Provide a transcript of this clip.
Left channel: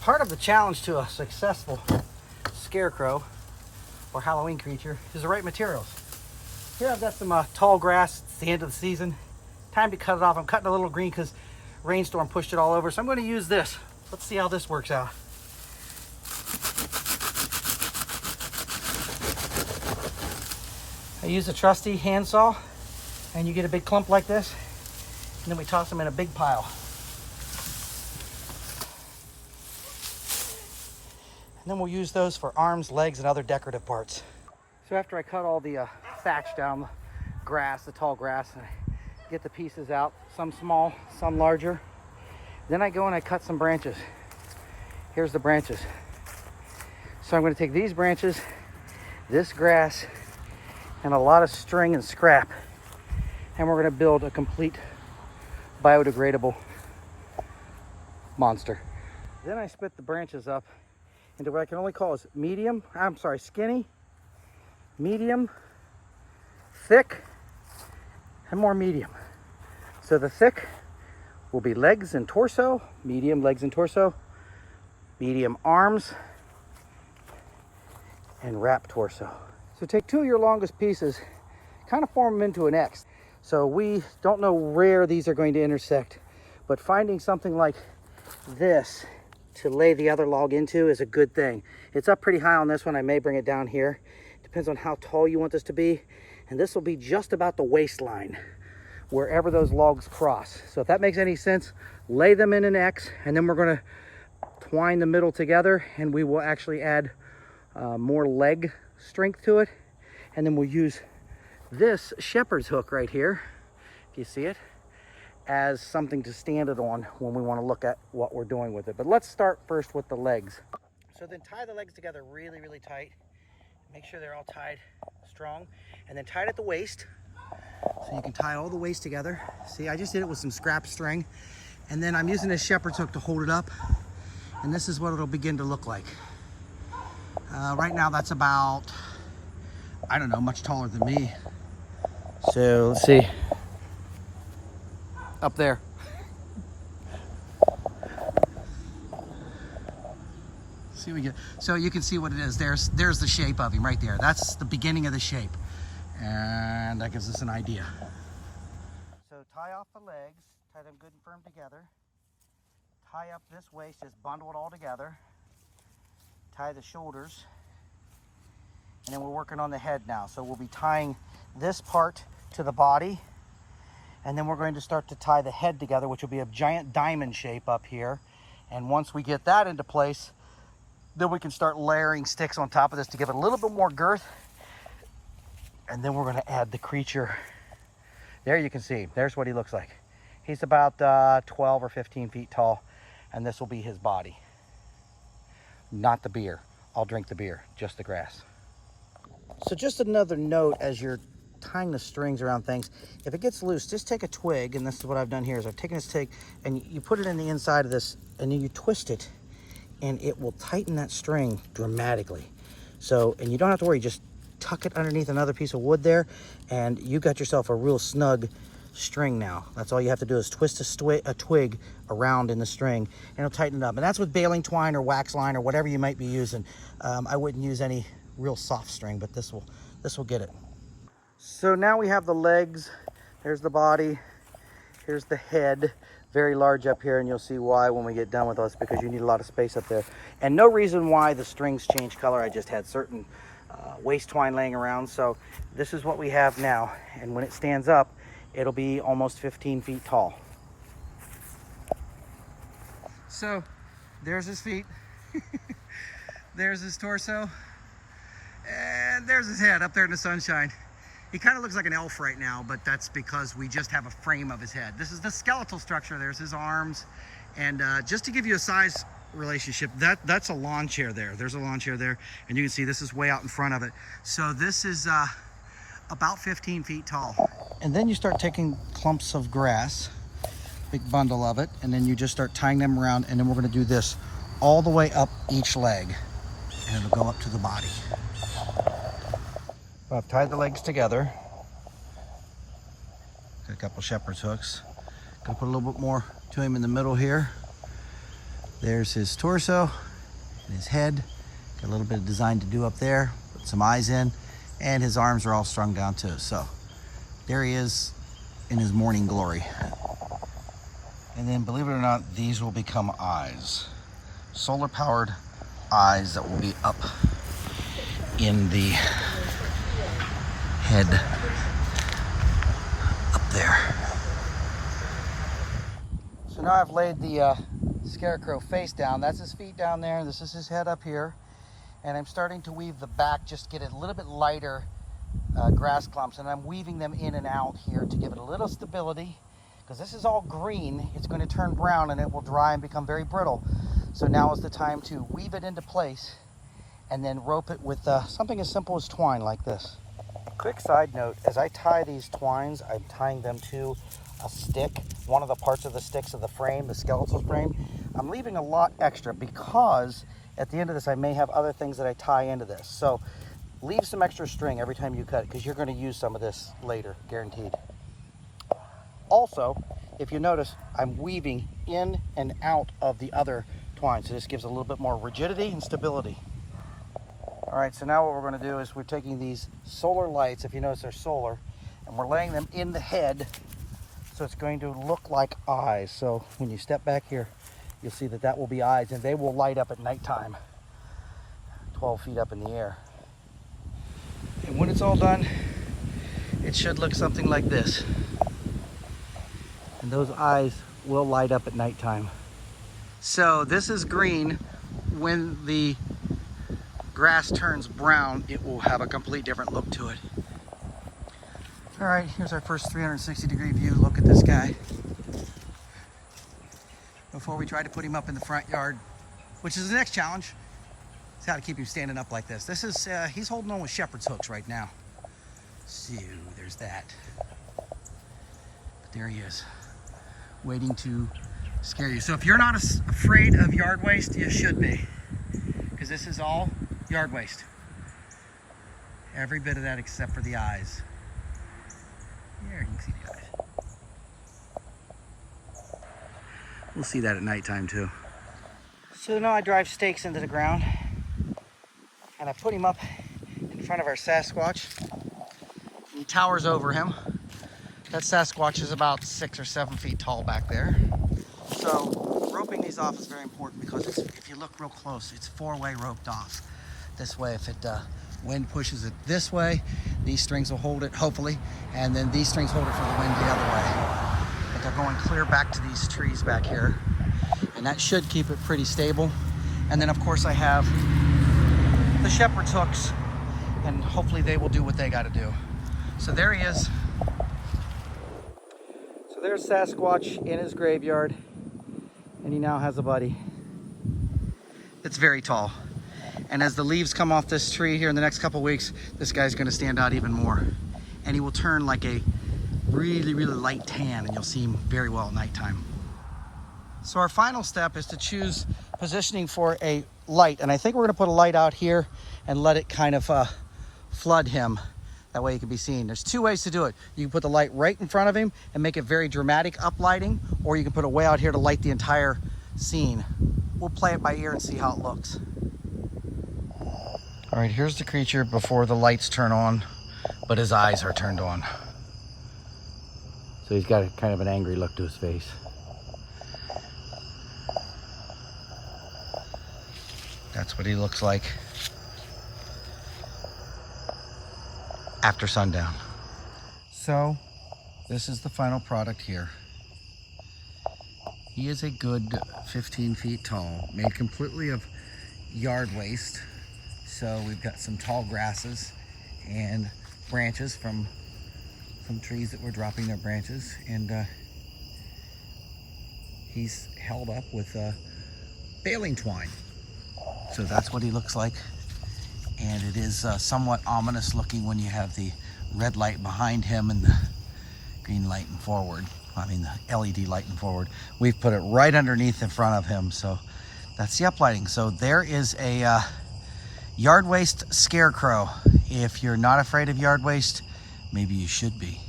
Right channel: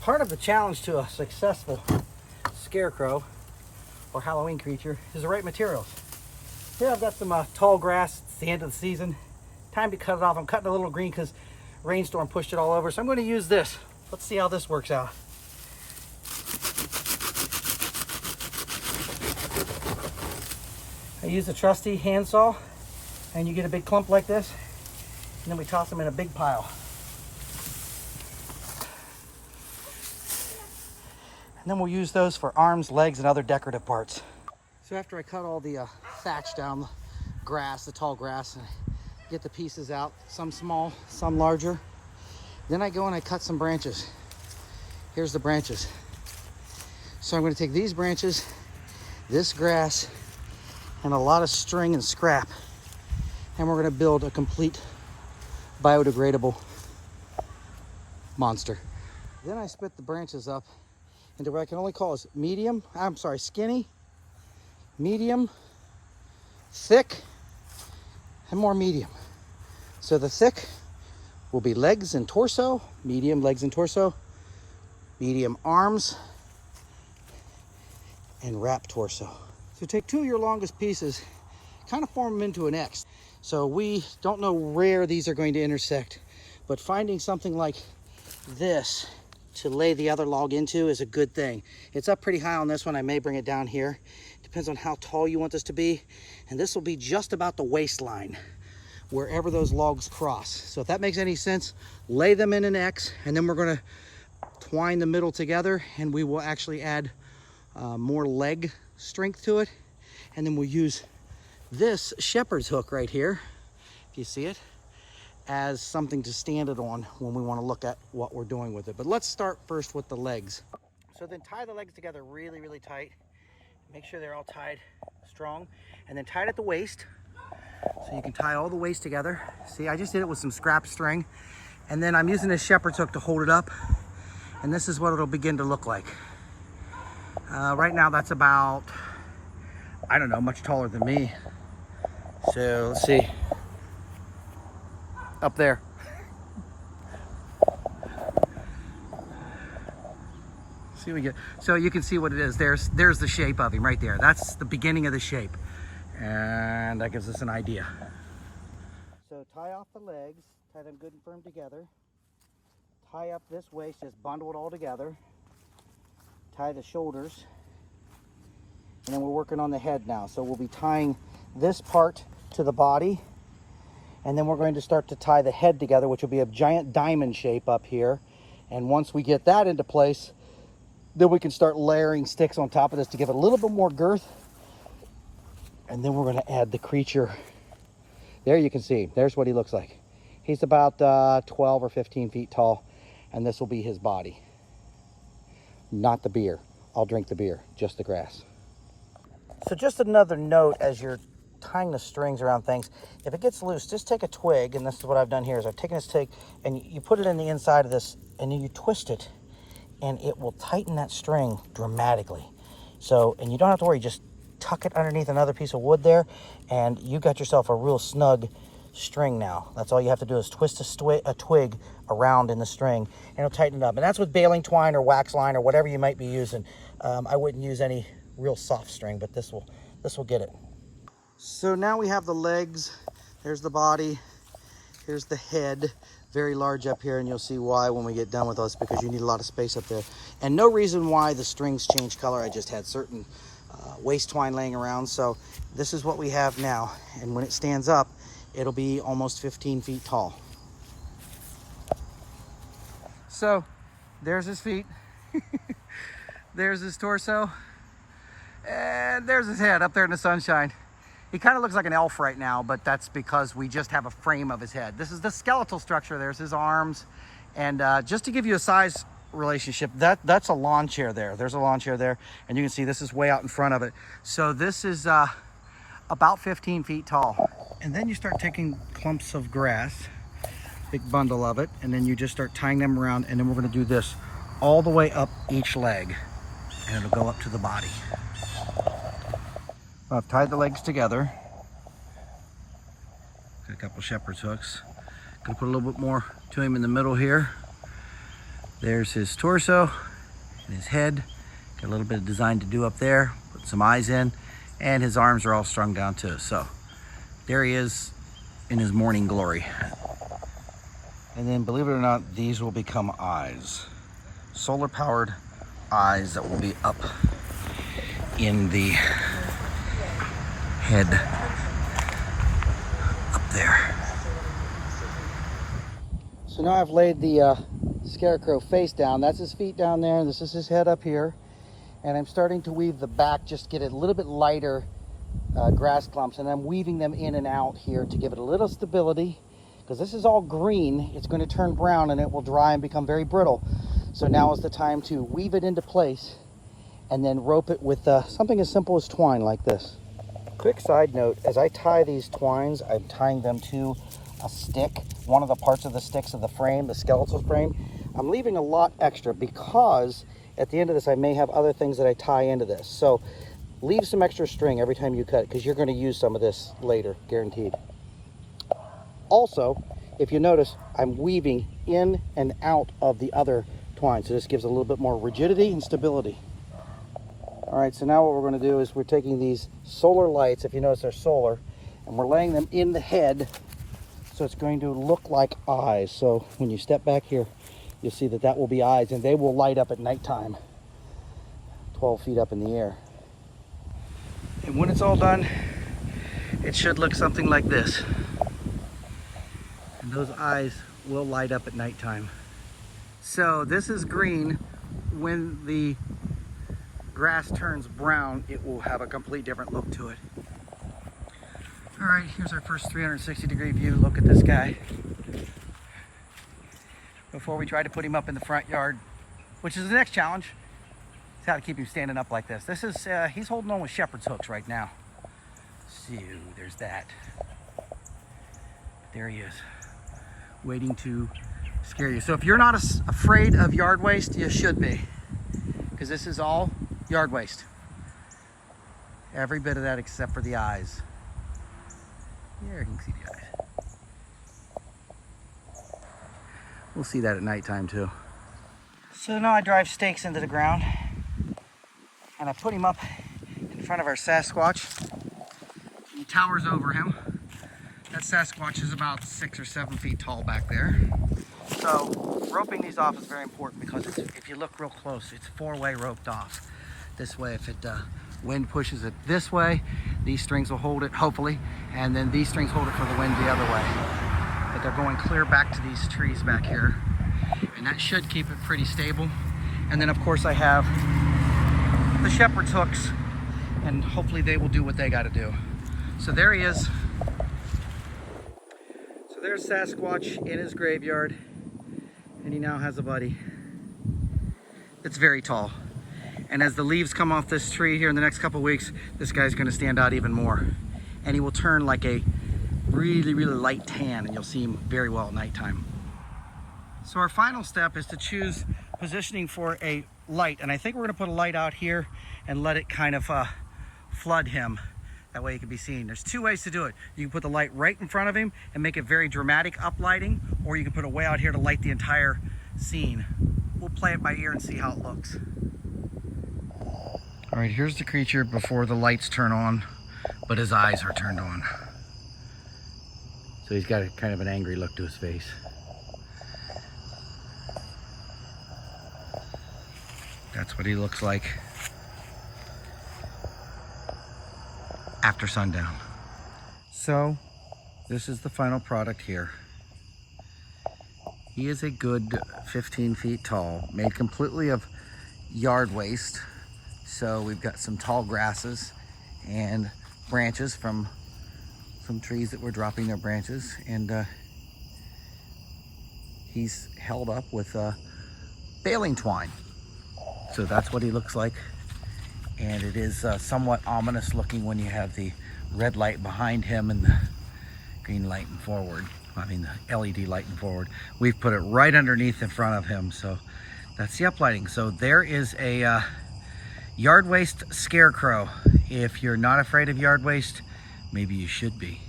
Part of the challenge to a successful scarecrow or Halloween creature is the right materials. Here I've got some tall grass. It's the end of the season. Time to cut it off. I'm cutting a little green because rainstorm pushed it all over. So I'm going to use this. Let's see how this works out. I use a trusty handsaw, and you get a big clump like this, and then we toss them in a big pile. And then we'll use those for arms, legs, and other decorative parts. So after I cut all the thatch down, the grass, the tall grass, and I get the pieces out, some small, some larger, then I go and I cut some branches. Here's the branches. So I'm going to take these branches, this grass, and a lot of string and scrap, and we're going to build a complete biodegradable monster. Then I split the branches up into what I can only call as skinny, medium, thick, and more medium. So the thick will be legs and torso, medium legs and torso, medium arms, and wrap torso. So take two of your longest pieces, kind of form them into an X. So we don't know where these are going to intersect, but finding something like this to lay the other log into is a good thing. It's up pretty high on this one. I may bring it down here. Depends on how tall you want this to be. And this will be just about the waistline, wherever those logs cross. So if that makes any sense, lay them in an X, and then we're gonna twine the middle together, and we will actually add more leg strength to it. And then we'll use this shepherd's hook right here, if you see it, as something to stand it on when we want to look at what we're doing with it. But let's start first with the legs. So then tie the legs together really, really tight. Make sure they're all tied strong, and then tie it at the waist. So you can tie all the waist together. See, I just did it with some scrap string, and then I'm using this shepherd's hook to hold it up, and this is what it'll begin to look like. Right now that's about, I don't know, much taller than me. So let's see, up there. See, we get, so you can see what it is. There's the shape of him right there. That's the beginning of the shape, and that gives us an idea. So tie off the legs, tie them good and firm together. Tie up this waist, just bundle it all together. Tie the shoulders, and then we're working on the head now. So we'll be tying this part to the body, and then we're going to start to tie the head together, which will be a giant diamond shape up here. And once we get that into place, then we can start layering sticks on top of this to give it a little bit more girth. And then we're going to add the creature. There you can see, there's what he looks like. He's about 12 or 15 feet tall, and this will be his body. Not the beer. I'll drink the beer, just the grass. So just another note as you're tying the strings around things, if it gets loose, just take a twig, and this is what I've done here, is I've taken this twig and you put it in the inside of this, and then you twist it, and it will tighten that string dramatically. So, and you don't have to worry, just tuck it underneath another piece of wood there, and you got yourself a real snug string now. That's all you have to do is twist a twig around in the string, and it'll tighten it up. And that's with baling twine or wax line or whatever you might be using. I wouldn't use any real soft string, but this will get it. So now we have the legs. There's the body. Here's the head, very large up here, and you'll see why when we get done with this, because you need a lot of space up there. And no reason why the strings change color. I just had certain waist twine laying around. So this is what we have now, and when it stands up, it'll be almost 15 feet tall. So there's his feet, there's his torso, and there's his head up there in the sunshine. He kind of looks like an elf right now, but that's because we just have a frame of his head. This is the skeletal structure. There's his arms, and just to give you a size relationship, that's a lawn chair there. There's a lawn chair there, and you can see this is way out in front of it. So this is about 15 feet tall. And then you start taking clumps of grass, big bundle of it, and then you just start tying them around, and then we're going to do this all the way up each leg, and it'll go up to the body. I've tied the legs together. Got a couple shepherd's hooks. Gonna put a little bit more to him in the middle here. There's his torso and his head. Got a little bit of design to do up there. Put some eyes in, and his arms are all strung down too. So there he is in his morning glory. And then, believe it or not, these will become eyes. Solar powered eyes that will be up in the head up there. So now I've laid the Scarecrow face down. That's his feet down there, and this is his head up here. And I'm starting to weave the back, just get it a little bit lighter grass clumps, and I'm weaving them in and out here to give it a little stability, because this is all green. It's going to turn brown and it will dry and become very brittle. So now is the time to weave it into place and then rope it with something as simple as twine like this. Quick side note, as I tie these twines, I'm tying them to a stick, one of the parts of the sticks of the frame, the skeletal frame. I'm leaving a lot extra because at the end of this I may have other things that I tie into this. So leave some extra string every time you cut, because you're going to use some of this later, guaranteed. Also, if you notice, I'm weaving in and out of the other twine, so this gives a little bit more rigidity and stability. All right, so now what we're going to do is we're taking these solar lights, if you notice they're solar, and we're laying them in the head, so it's going to look like eyes. So when you step back here, you'll see that that will be eyes, and they will light up at nighttime, 12 feet up in the air. And when it's all done, it should look something like this. And those eyes will light up at nighttime. So this is green. When the grass turns brown, it will have a complete different look to it. All right, here's our first 360-degree view. Look at this guy. Before we try to put him up in the front yard, which is the next challenge, is how to keep him standing up like this. This is, he's holding on with shepherd's hooks right now. So there's that. But there he is, waiting to scare you. So if you're not afraid of yard waste, you should be, because this is all yard waste. Every bit of that except for the eyes. There, you can see the eyes. We'll see that at nighttime too. So now I drive stakes into the ground, and I put him up in front of our Sasquatch. He towers over him. That Sasquatch is about 6 or 7 feet tall back there. So roping these off is very important, because if you look real close, it's 4-way roped off. This way, if it wind pushes it this way, these strings will hold it, hopefully, and then these strings hold it for the wind the other way. But they're going clear back to these trees back here, and that should keep it pretty stable. And then of course I have the shepherd's hooks, and hopefully they will do what they got to do. So there he is. So there's Sasquatch in his graveyard, and he now has a buddy. It's very tall. And as the leaves come off this tree here in the next couple weeks, this guy's going to stand out even more. And he will turn like a really, really light tan, and you'll see him very well at nighttime. So our final step is to choose positioning for a light. And I think we're going to put a light out here and let it kind of flood him. That way he can be seen. There's 2 ways to do it. You can put the light right in front of him and make it very dramatic uplighting, or you can put it way out here to light the entire scene. We'll play it by ear and see how it looks. All right, here's the creature before the lights turn on, but his eyes are turned on. So he's got a kind of an angry look to his face. That's what he looks like after sundown. So this is the final product here. He is a good 15 feet tall, made completely of yard waste. So we've got some tall grasses and branches from some trees that were dropping their branches, and he's held up with baling twine. So that's what he looks like, and it is somewhat ominous looking when you have the red light behind him and the green lighting forward. I mean the LED lighting forward. We've put it right underneath in front of him, so that's the uplighting. So there is a yard waste Scarecrow. If you're not afraid of yard waste, maybe you should be.